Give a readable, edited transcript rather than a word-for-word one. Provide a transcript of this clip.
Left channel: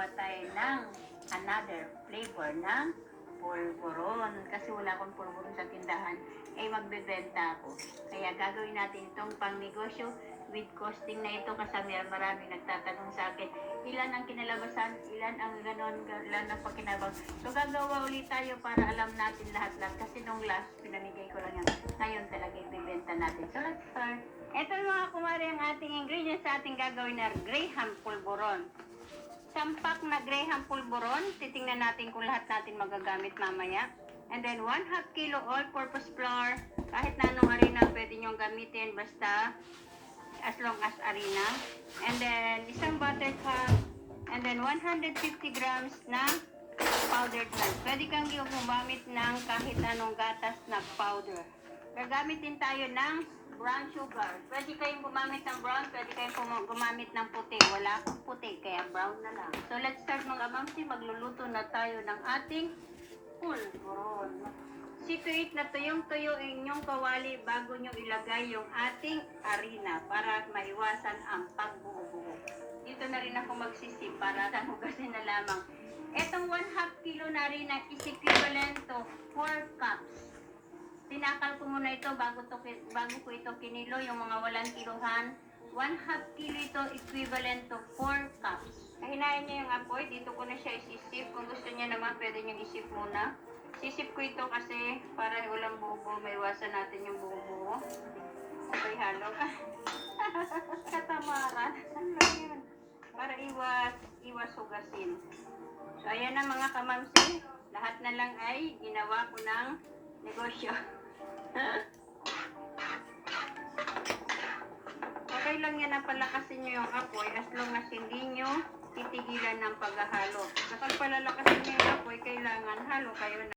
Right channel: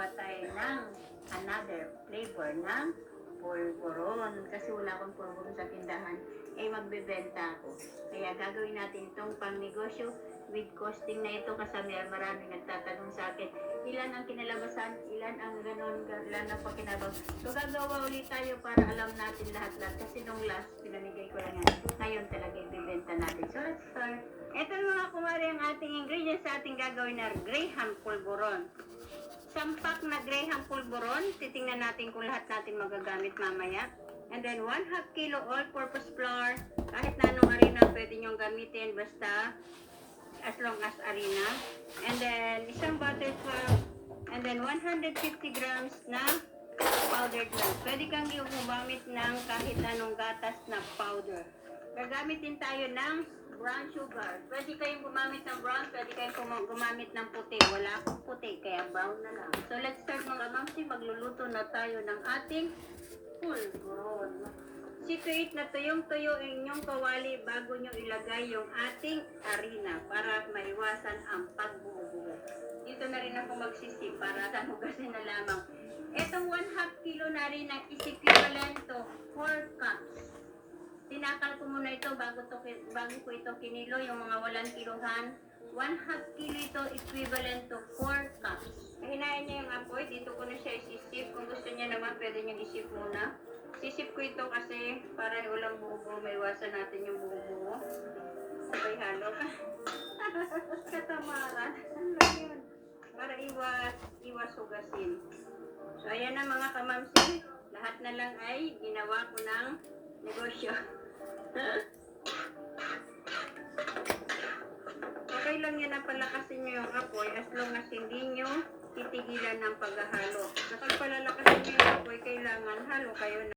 Gawa tayo ng another flavor ng pulburon. Kasi wala akong pulburon sa tindahan, magbebenta ako. Kaya gagawin natin itong pang negosyo with costing na ito kasi maraming nagtatanong sa akin, ilan ang kinalabasan, ilan ang ganon, ilan ang pakinabang. So gagawa ulit tayo para alam natin lahat-lahat. Kasi nung last, pinamigay ko lang yan. Ngayon talaga ibibenta natin. So let's start. Ito mga kumari ang ating ingredients sa ating gagawin na Graham pulburon. Sampak na Graham pulburon, titingnan natin kung lahat natin magagamit mamaya. And then 1/2 kilo all-purpose flour, kahit na anong harina pwede nyong gamitin, basta as long as harina. And then isang butter cup, and then 150 grams na powdered milk. Pwede kang gumamit ng kahit anong gatas na powder. Gagamitin tayo ng brown sugar. Pwede kayong gumamit ng brown, pwede kayong gumamit ng puti. Wala akong puti, kaya brown na lang. So let's start mga mamsi, magluluto na tayo ng ating pulburon. Situate na tuyong-tuyo inyong kawali bago nyo ilagay yung ating harina para maiwasan ang pagbuo-buo. Dito na rin ako magsisip para sa hugasin na lamang. Etong 1/2 kilo na harina is equivalent to 4 cups. Tinakal ko muna ito bago ko ito kinilo, yung mga walang kiluhan. 1/2 kilo ito equivalent to 4 cups. Hinahin niyo yung apoy, dito ko na siya isisip. Kung gusto niya naman, pwede niyo isip muna. Sisip ko ito kasi para walang buo-buo, may iwasan natin yung buo-buo. Sabay halo. Katamaran. Ano lang yun? Para iwas hugasin. So ayan na mga kamamsi, lahat na lang ay ginawa ko ng negosyo. Okay lang yan na palakasin nyo yung apoy as long as hindi nyo titigilan ng paghahalo. Kapag palalakasin nyo yung apoy, kailangan halo kayo na